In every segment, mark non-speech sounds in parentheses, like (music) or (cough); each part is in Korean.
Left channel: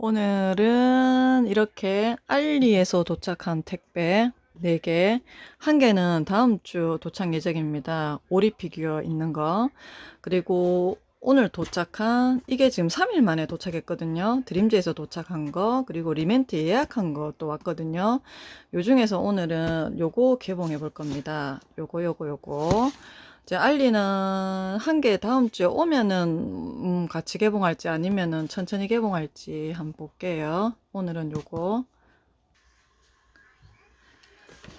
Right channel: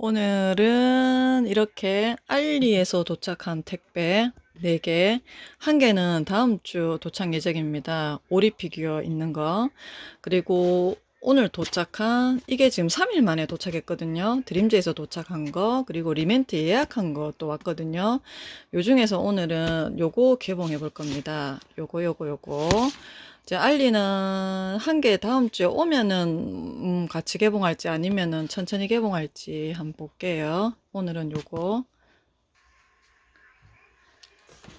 오늘은 이렇게 알리에서 도착한 택배 4개, 한 개는 다음 주 도착 예정입니다. 오리 피규어 있는 거. 그리고 오늘 도착한, 이게 지금 3일 만에 도착했거든요. 드림즈에서 도착한 거, 그리고 리멘트 예약한 거 또 왔거든요. 요 중에서 오늘은 요거 개봉해 볼 겁니다. 요거, 요거, 요거. 이제 알리는 한 개 다음 주에 오면은 음, 같이 개봉할지 아니면은 천천히 개봉할지 한번 볼게요. 오늘은 요거.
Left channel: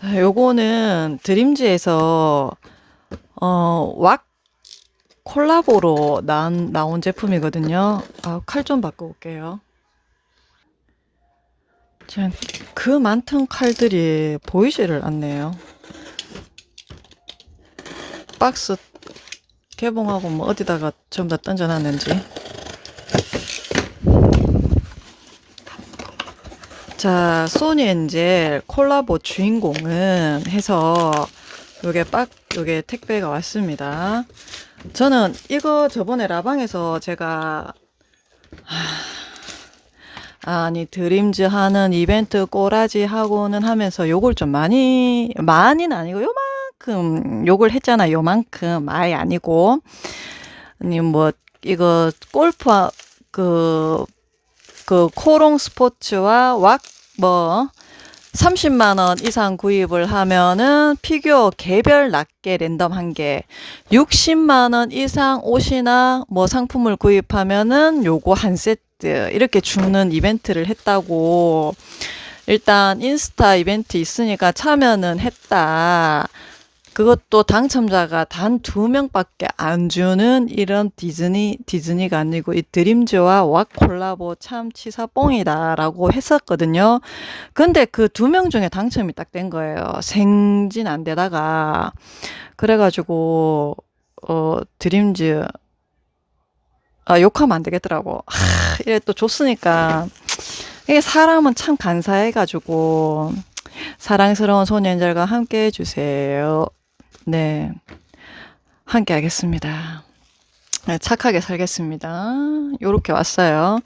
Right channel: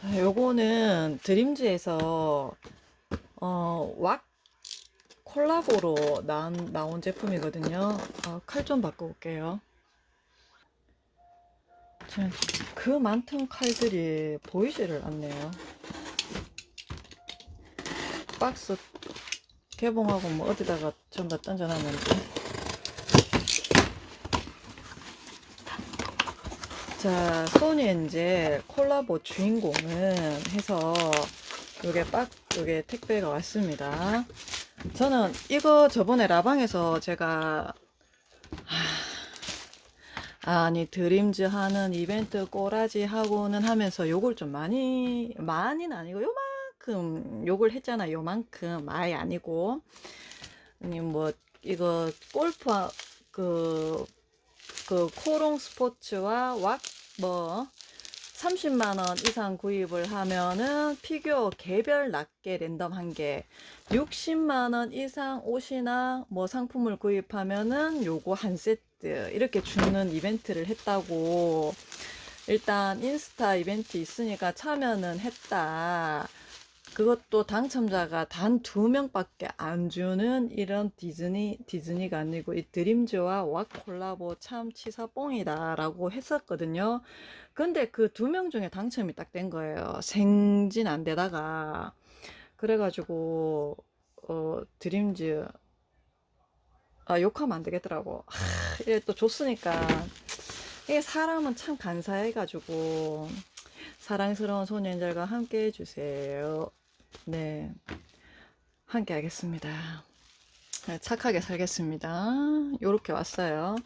아, 요거는 드림즈에서 어, 왁 콜라보로 난, 나온 제품이거든요. 아, 칼 좀 바꿔볼게요. 참, 그 많던 칼들이 보이지를 않네요. 박스 개봉하고 뭐 어디다가 전부 다 던져놨는지. 자, 소니 엔젤 콜라보 주인공은 해서 요게 빡, 요게 택배가 왔습니다. 저는 이거 저번에 라방에서 제가 하, 아니 드림즈 하는 이벤트 꼬라지 하고는 하면서 요걸 좀 많이 많이는 아니고 요만 큼 욕을 했잖아 요만큼. 아예 아니고. 아니 뭐 이거 골프 그그 코롱 스포츠와 왁뭐 30만 원 이상 구입을 하면은 피규어 개별 낱개 랜덤 한 개, 60만 원 이상 옷이나 뭐 상품을 구입하면은 요거 한 세트 이렇게 주는 이벤트를 했다고. 일단 인스타 이벤트 있으니까 참여는 했다. 그것도 당첨자가 단 두 명밖에 안 주는 이런 디즈니 디즈니가 아니고 이 드림즈와 왁 콜라보 참 치사뽕이다라고 했었거든요. 근데 그 두 명 중에 당첨이 딱 된 거예요. 생진 안 되다가 그래가지고 어 드림즈 아 욕하면 안 되겠더라고. 하, 이래 또 줬으니까 이게 사람은 참 간사해가지고 사랑스러운 소년들과 함께 해주세요. 네. 함께 하겠습니다. 네, 착하게 살겠습니다. 요렇게 왔어요.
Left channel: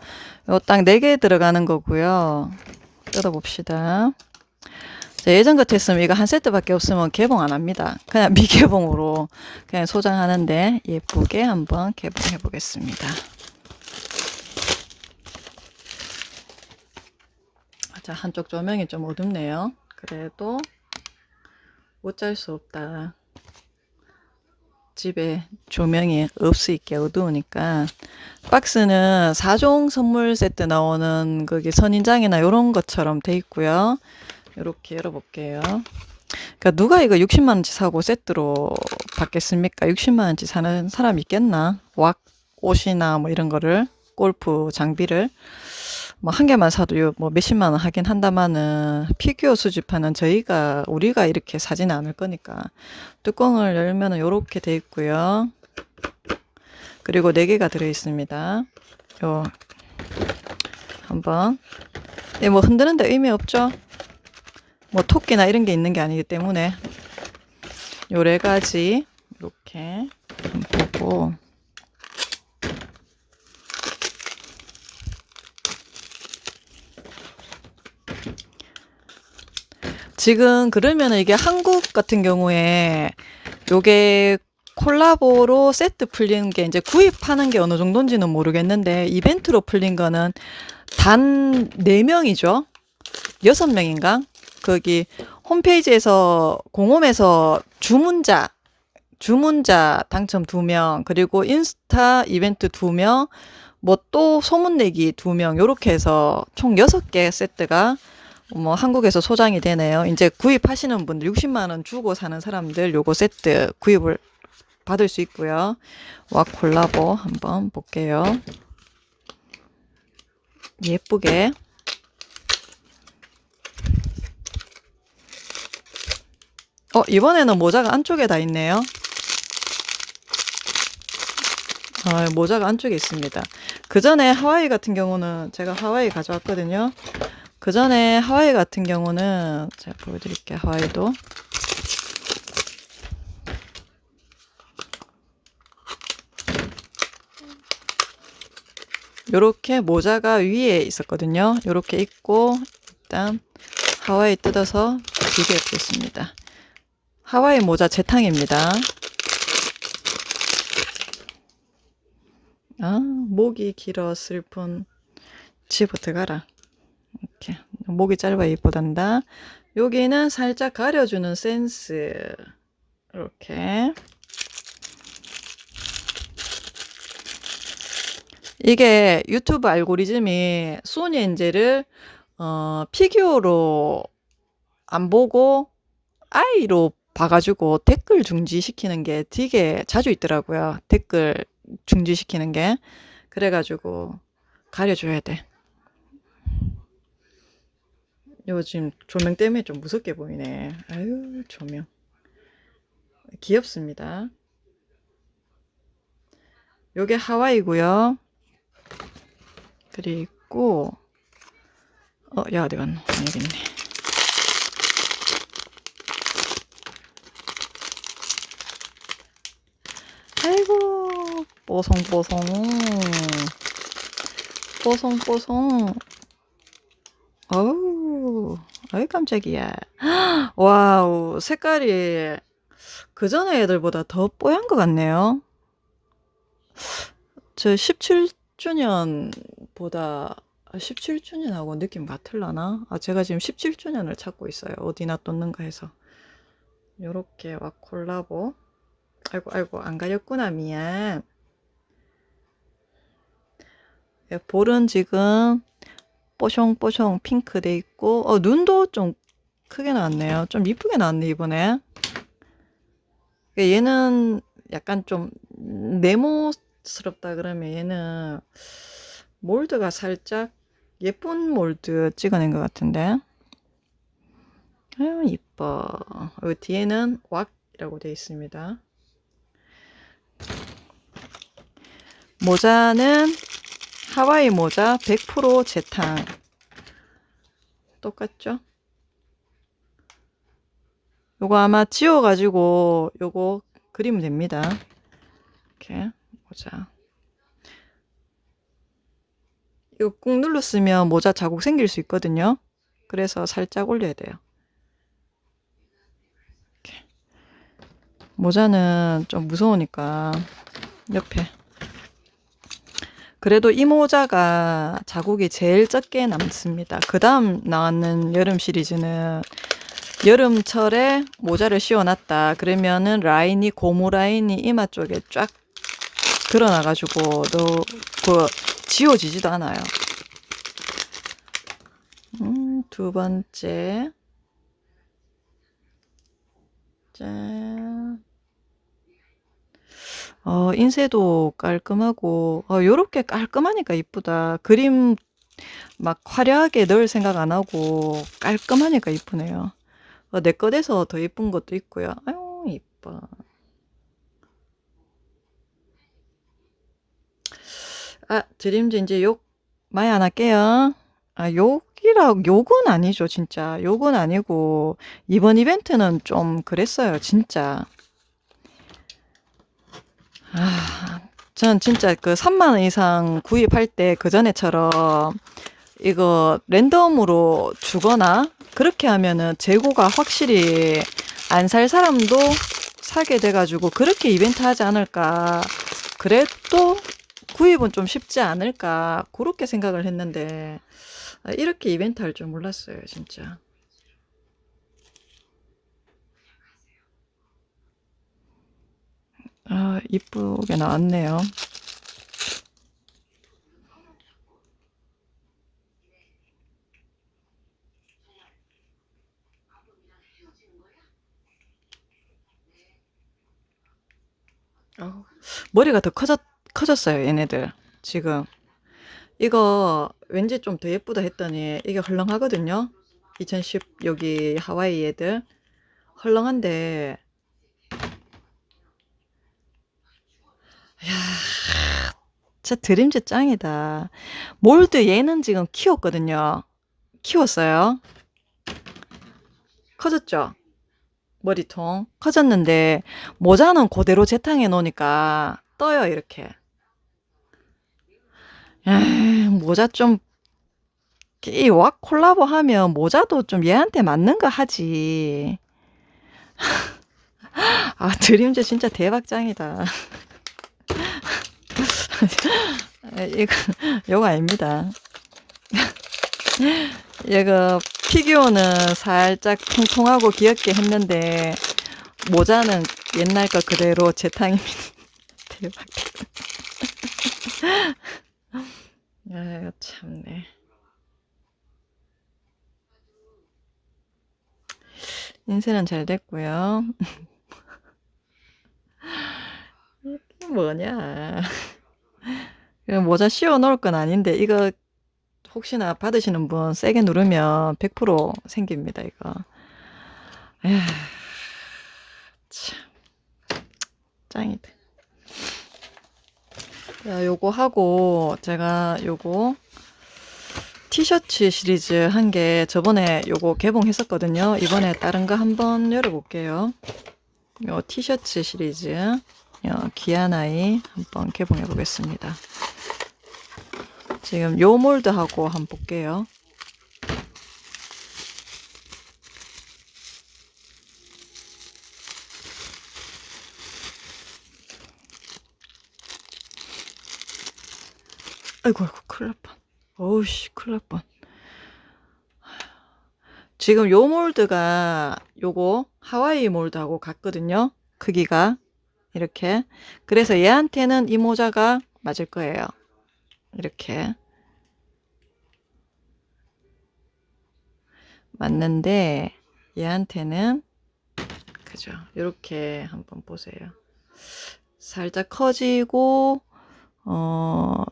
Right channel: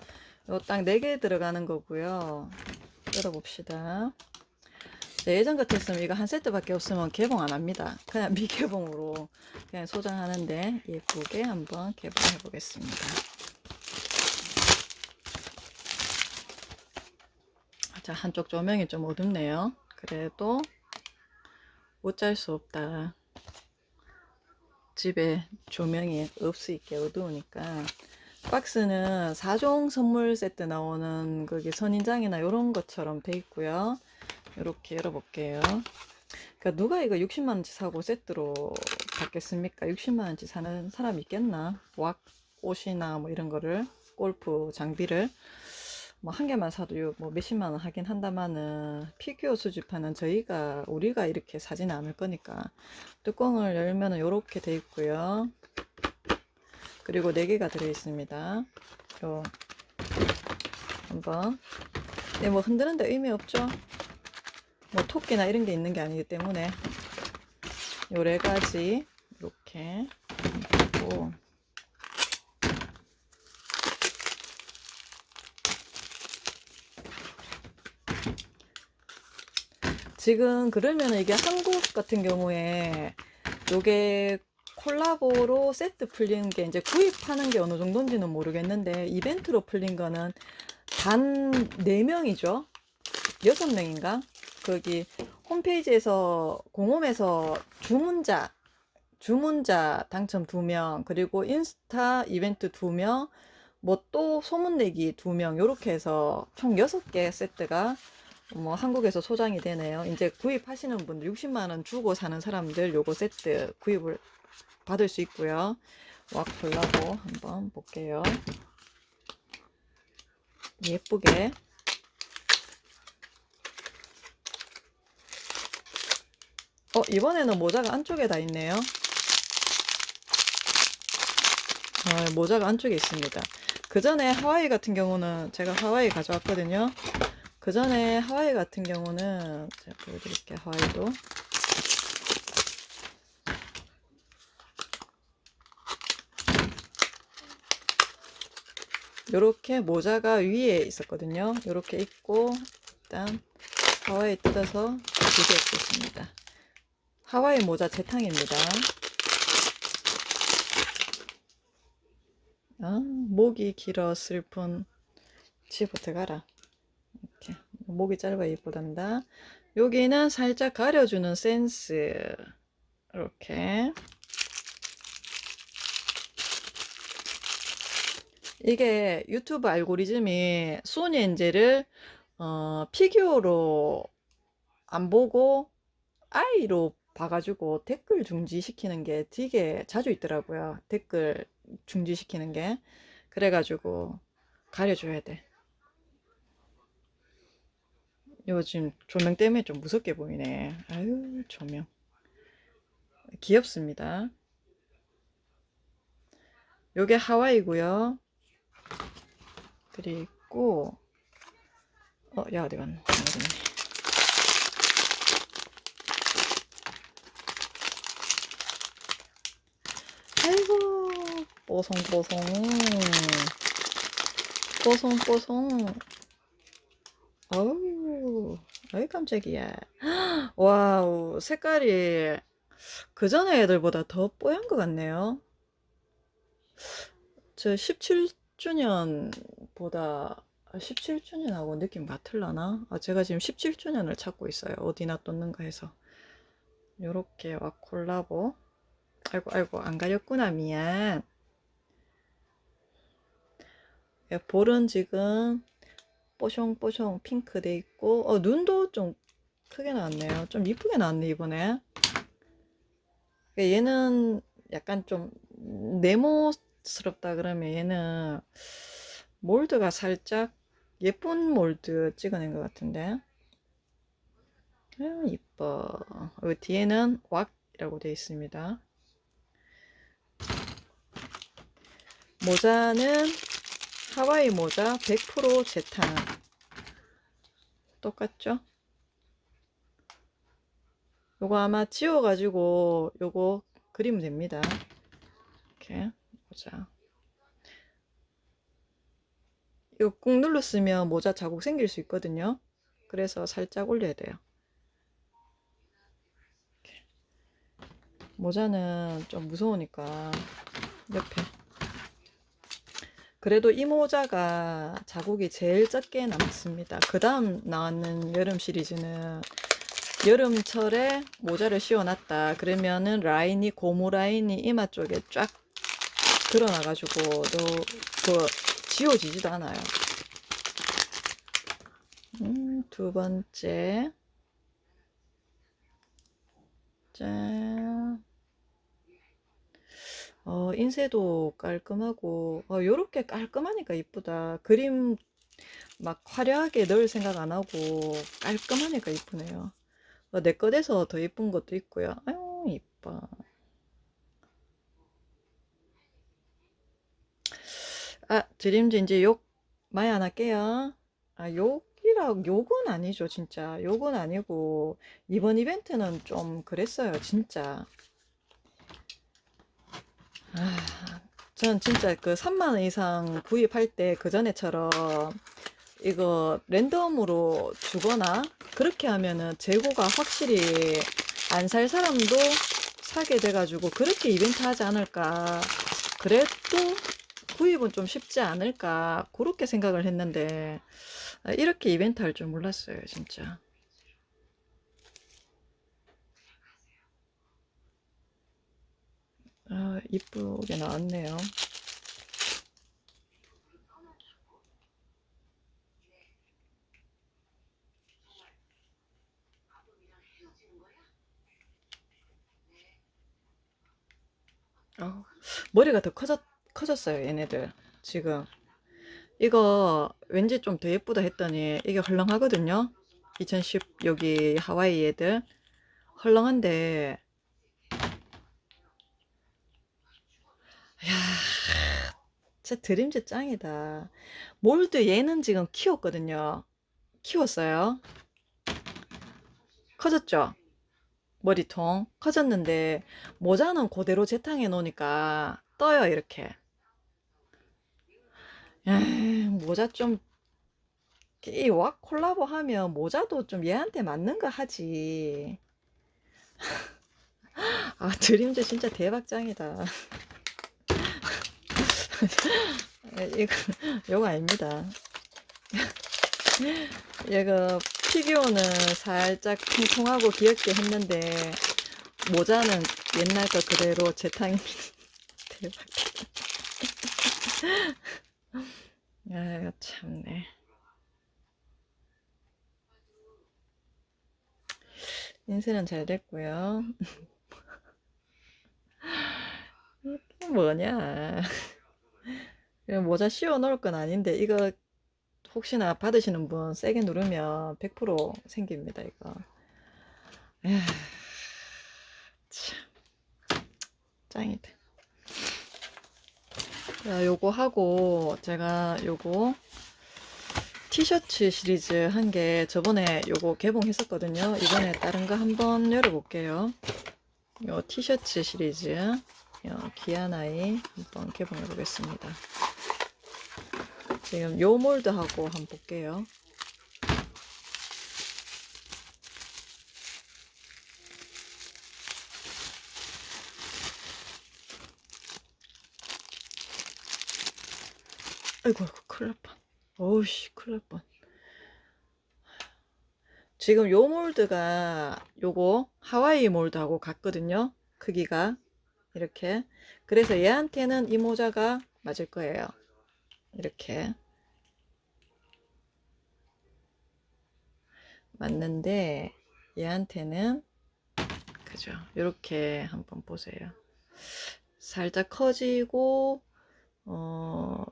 요 딱 4개 들어가는 거고요. 뜯어봅시다. 자, 예전 같았으면 이거 한 세트밖에 없으면 개봉 안 합니다. 그냥 (laughs) 미개봉으로 그냥 소장하는데 예쁘게 한번 개봉해 보겠습니다. 자, 한쪽 조명이 좀 어둡네요. 그래도 어쩔 수 없다. 집에 조명이 없으니까 어두우니까 박스는 4종 선물 세트 나오는 거기 선인장이나 이런 것처럼 돼 있고요. 이렇게 열어볼게요. 그러니까 누가 이거 60만 원치 사고 세트로 받겠습니까? 60만 원치 사는 사람 있겠나? 왁 옷이나 뭐 이런 거를 골프 장비를 뭐 한 개만 사도 요뭐 몇십만 원 하긴 한다마는 피규어 수집하는 저희가 우리가 이렇게 사지는 않을 거니까 뚜껑을 열면은 요렇게 돼 있고요. 그리고 네 개가 들어 있습니다. 요 한번 예, 뭐 흔드는데 의미 없죠. 뭐 토끼나 이런 게 있는 게 아니기 때문에 요네 가지 이렇게 보고 지금 그러면은 이게 한국 같은 경우에 요게 콜라보로 세트 풀린 게 이제 구입하는 게 어느 정도인지는 모르겠는데 이벤트로 풀린 거는 단 4명이죠. 6명인가? 거기 홈페이지에서 공홈에서 주문자 주문자 당첨 2명 그리고 인스타 이벤트 2명 뭐 또 소문 내기 2명 요렇게 해서 총 6개 세트가 뭐 한국에서 소장이 되네요. 이제 구입하시는 분들 60만 원 주고 사는 사람들 요거 세트 구입을 받을 수 있고요. 와 콜라보 한번 볼게요. 예쁘게 어 이번에는 모자가 안쪽에 다 있네요. 어, 모자가 안쪽에 있습니다. 그 전에 하와이 같은 경우는 제가 하와이 가져왔거든요. 그 전에 하와이 같은 경우는 제가 보여드릴게요. 하와이도 요렇게 모자가 위에 있었거든요. 요렇게 입고 일단 하와이 뜯어서 비교해 보겠습니다. 하와이 모자 재탕입니다. 아, 목이 길어 슬픈 집어 들어가라. 이렇게 목이 짧아 이쁘단다. 여기는 살짝 가려주는 센스. 이렇게. 이게 유튜브 알고리즘이 소니 엔젤을 어, 피규어로 안 보고 아이로 봐가지고 댓글 중지시키는 게 되게 자주 있더라고요. 댓글 중지시키는 게. 그래가지고 가려줘야 돼. 요즘 조명 때문에 좀 무섭게 보이네. 아유, 조명. 귀엽습니다. 요게 하와이고요. 그리고 어, 야 어디 갔노? 여기 있네. 아이고 뽀송뽀송 뽀송뽀송 어우 아이 깜짝이야 와우 색깔이 그 전에 애들보다 더 뽀얀 것 같네요 저 17주년보다 17주년하고 느낌 같을라나? 아, 제가 지금 17주년을 찾고 있어요. 어디나 떴는가 해서. 요렇게 와 콜라보. 아이고, 아이고, 안 가렸구나. 미안. 예, 볼은 지금 뽀숑뽀숑 핑크 돼 있고, 어, 눈도 좀 크게 나왔네요. 좀 이쁘게 나왔네, 이번에. 얘는 약간 좀 네모스럽다 그러면 얘는 몰드가 살짝 예쁜 몰드 찍어낸 것 같은데 아유 이뻐 여기 뒤에는 왁이라고 되어 있습니다 모자는 하와이 모자 100% 재탕 똑같죠? 요거 아마 지워가지고 요거 그리면 됩니다 이렇게 모자 이거 꾹 눌렀으면 모자 자국 생길 수 있거든요. 그래서 살짝 올려야 돼요. 이렇게. 모자는 좀 무서우니까 옆에. 그래도 이 모자가 자국이 제일 적게 남습니다. 그 다음 나왔는 여름 시리즈는 여름철에 모자를 씌워놨다. 그러면은 라인이 고무 라인이 이마 쪽에 쫙 드러나가지고 너그 지워지지도 않아요. 음, 두 번째. 짠. 어, 인쇄도 깔끔하고, 어, 요렇게 깔끔하니까 이쁘다. 그림 막 화려하게 넣을 생각 안 하고 깔끔하니까 이쁘네요. 어, 내 것에서 더 이쁜 것도 있고요. 아유, 이뻐. 아, 드림즈 이제 욕 많이 안 할게요. 아, 욕이라, 욕은 아니죠, 진짜. 욕은 아니고, 이번 이벤트는 좀 그랬어요, 진짜. 아, 전 진짜 그 3만 원 이상 구입할 때 그 전에처럼 이거 랜덤으로 주거나 그렇게 하면은 재고가 확실히 안 살 사람도 사게 돼가지고 그렇게 이벤트 하지 않을까. 그래도 구입은 좀 쉽지 않을까 그렇게 생각을 했는데 아, 이렇게 이벤트 할 줄 몰랐어요 진짜 아 이쁘게 나왔네요 어, 머리가 더 커졌 커졌어요, 얘네들. 지금. 이거 왠지 좀 더 예쁘다 했더니 이게 헐렁하거든요. 2010 여기 하와이 애들. 헐렁한데 야, 진짜 드림즈 짱이다. 몰드 얘는 지금 키웠거든요. 키웠어요. 커졌죠? 머리통 커졌는데 모자는 그대로 재탕해 놓으니까 떠요 이렇게 에이, 모자 좀, 이왁 콜라보 하면 모자도 좀 얘한테 맞는 거 하지. (laughs) 아, 드림즈 진짜 대박짱이다. (laughs) 이거, 요거 아닙니다. 얘가 피규어는 살짝 통통하고 귀엽게 했는데, 모자는 옛날 거 그대로 재탕입니다. 대박. (laughs) 아유, 참네. 인쇄는 잘 됐고요. (laughs) 뭐냐. 모자 씌워 놓을 건 아닌데, 이거 혹시나 받으시는 분 세게 누르면 100% 생깁니다, 이거. 에휴, 참. 짱이다. 야, 요거 하고 제가 요거 티셔츠 시리즈 한 개 저번에 요거 개봉했었거든요. 이번에 다른 거 한번 열어볼게요. 요 티셔츠 시리즈 요 기아나이 한번 개봉해 보겠습니다. 지금 요 몰드하고 한번 볼게요. 아이고 아이고 큰일 날 뻔. 어우씨 큰일 날 뻔. 지금 요 몰드가 요거 하와이 몰드하고 같거든요. 크기가 이렇게. 그래서 얘한테는 이 모자가 맞을 거예요. 이렇게. 맞는데 얘한테는 그죠. 이렇게 한번 보세요. 살짝 커지고 어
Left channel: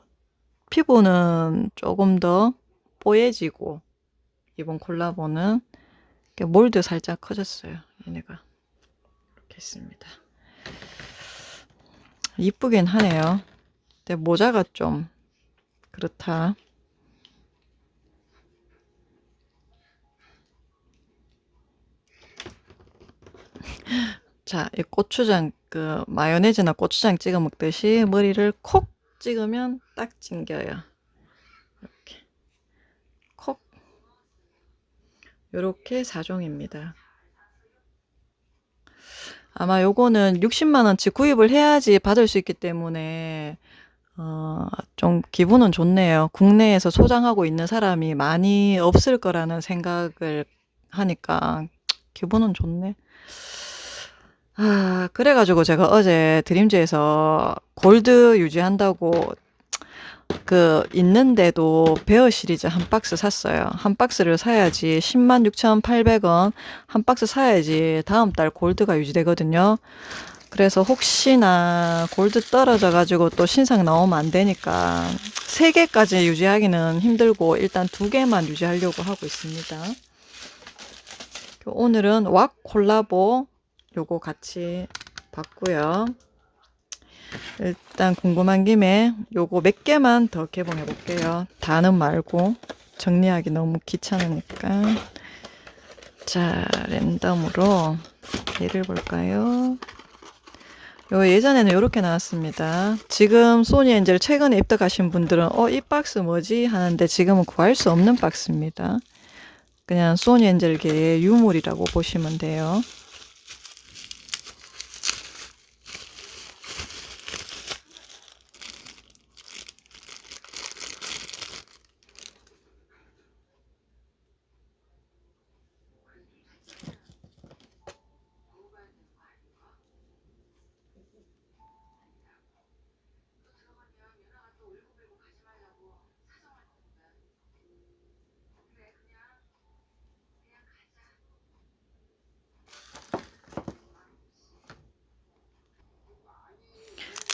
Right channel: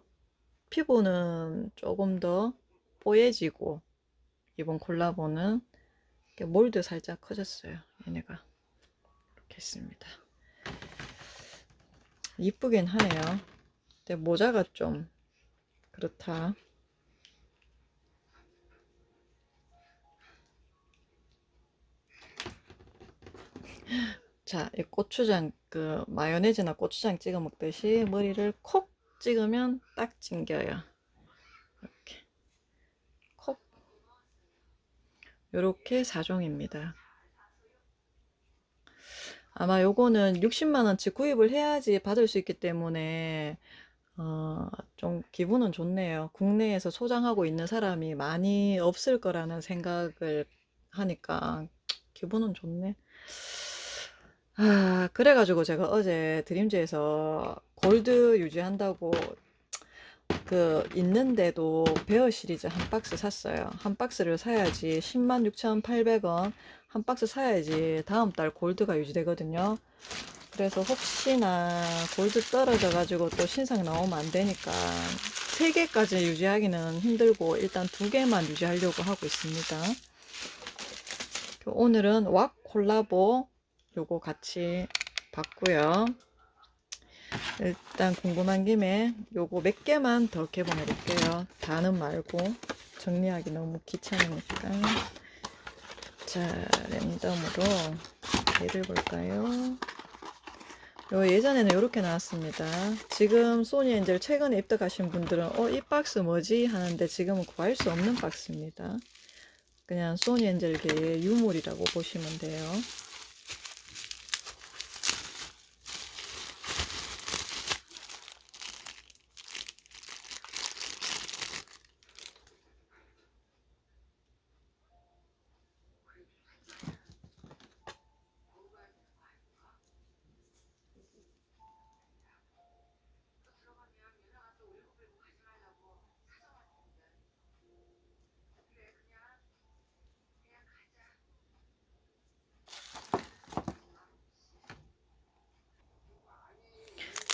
피부는 조금 더 뽀얘지고 이번 콜라보는 몰드 살짝 커졌어요. 얘네가 이렇게 했습니다. 이쁘긴 하네요. 근데 모자가 좀 그렇다. 자, 이 고추장 그 마요네즈나 고추장 찍어 먹듯이 머리를 콕 찍으면 딱 찡겨요. 이렇게 콕 요렇게 4종입니다. 아마 요거는 60만 원치 구입을 해야지 받을 수 있기 때문에 어, 좀 기분은 좋네요. 국내에서 소장하고 있는 사람이 많이 없을 거라는 생각을 하니까 기분은 좋네. 아, 그래가지고 제가 어제 드림즈에서 골드 유지한다고 그 있는데도 베어 시리즈 한 박스 샀어요. 한 박스를 사야지 10만 6,800원 한 박스 사야지 다음 달 골드가 유지되거든요. 그래서 혹시나 골드 떨어져 가지고 또 신상 나오면 안 되니까 세 개까지 유지하기는 힘들고 일단 두 개만 유지하려고 하고 있습니다. 오늘은 왁 콜라보 요거 같이 봤고요. 일단 궁금한 김에 요거 몇 개만 더 개봉해 볼게요. 다는 말고 정리하기 너무 귀찮으니까. 자, 랜덤으로 얘를 볼까요? 요 예전에는 이렇게 나왔습니다. 지금 소니 엔젤 최근에 입덕하신 분들은 어, 이 박스 뭐지? 하는데 지금은 구할 수 없는 박스입니다. 그냥 소니 엔젤계의 유물이라고 보시면 돼요.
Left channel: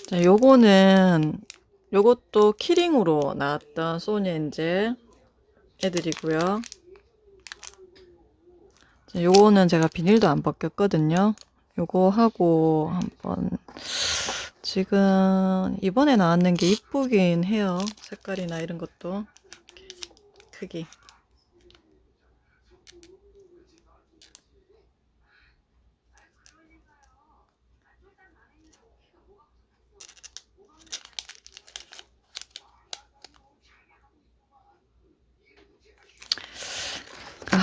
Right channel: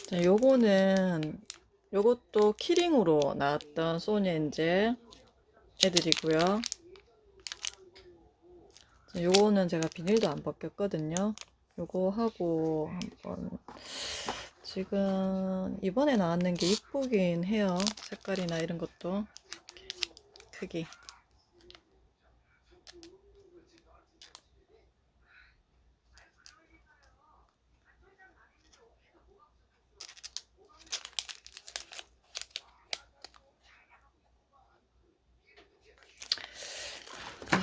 자, 요거는 요것도 키링으로 나왔던 소니 엔젤 애들이고요. 자, 요거는 제가 비닐도 안 벗겼거든요. 요거 하고 한번 지금 이번에 나왔는 게 이쁘긴 해요. 색깔이나 이런 것도 크기.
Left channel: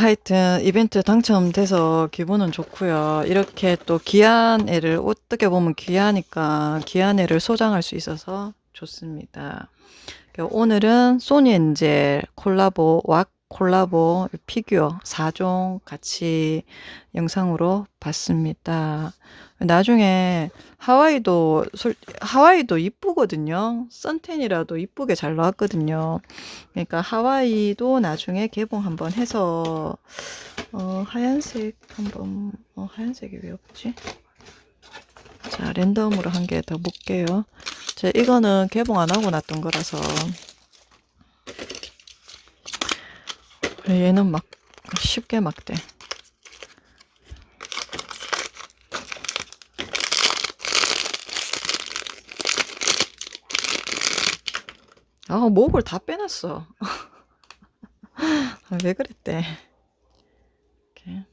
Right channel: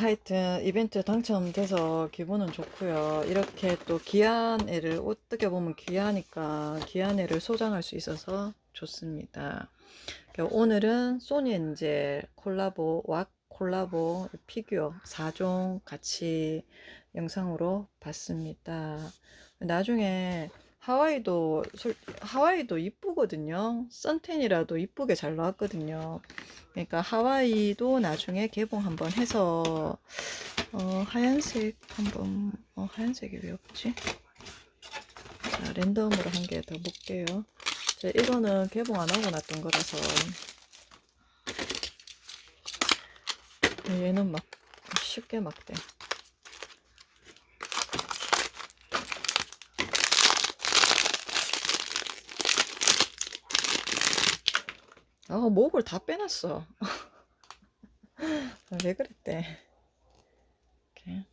하여튼 이벤트 당첨돼서 기분은 좋고요. 이렇게 또 귀한 애를 어떻게 보면 귀하니까 귀한 애를 소장할 수 있어서 좋습니다. 그러니까 오늘은 소니 엔젤 콜라보 왁 콜라보 피규어 4종 같이 영상으로 봤습니다. 나중에 하와이도 솔- 하와이도 이쁘거든요. 선텐이라도 이쁘게 잘 나왔거든요. 그러니까 하와이도 나중에 개봉 한번 해서 어, 하얀색 한번 어, 하얀색이 왜 없지? 자 랜덤으로 한 개 더 볼게요. 자 이거는 개봉 안 하고 놨던 거라서 얘는 막 쉽게 막대. 아 목을 다 빼놨어. (laughs) 왜 그랬대? 이렇게.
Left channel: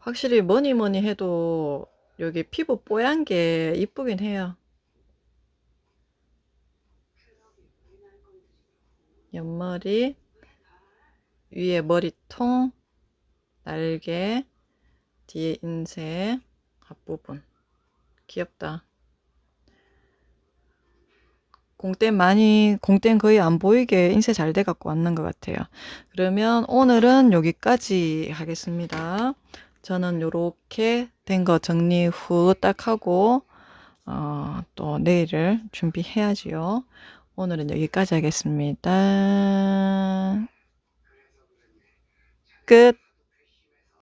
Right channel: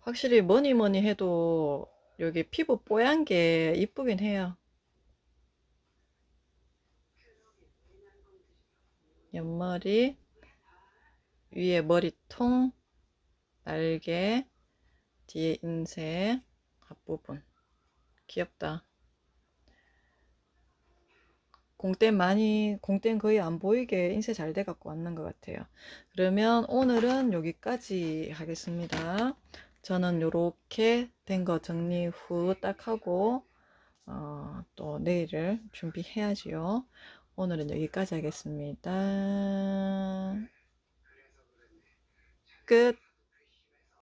확실히 뭐니 뭐니 해도 여기 피부 뽀얀 게 이쁘긴 해요. 옆머리, 위에 머리통, 날개, 뒤에 인쇄, 앞부분. 귀엽다. 공땡 많이, 공땡 거의 안 보이게 인쇄 잘 돼 갖고 왔는 것 같아요. 그러면 오늘은 여기까지 하겠습니다. 저는 요렇게 된 거 정리 후 딱 하고, 어, 또 내일을 준비해야지요. 오늘은 여기까지 하겠습니다. ke